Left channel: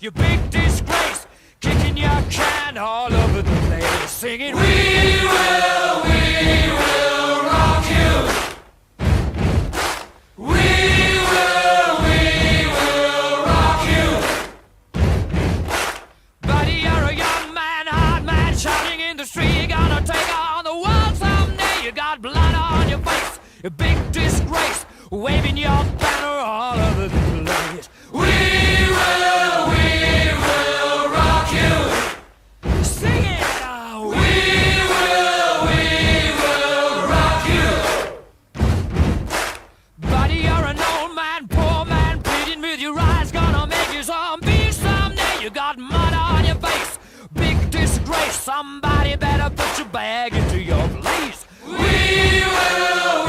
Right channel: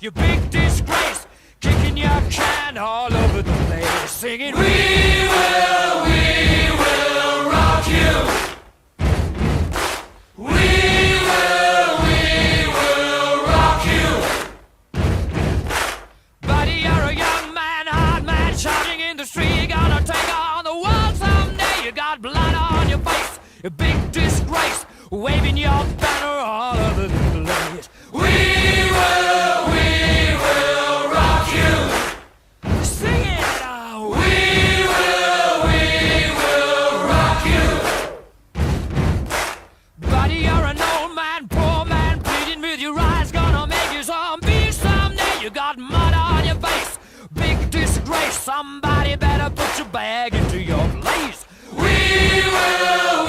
you big disgrace, kicking your can all over the place, singing, we will rock you. We will rock you. Buddy, you're a young man, hard man, shouting in the street, you're gonna take on the world someday. You got blood on your face, a big disgrace, waving your banner all over the place. We will rock you. Sing it out. We will rock you. Buddy, you're an old man, poor man, pleading with your eyes, gonna make you zombie someday. You got mud on your face, big disgrace, somebody better put your bag into your place. We will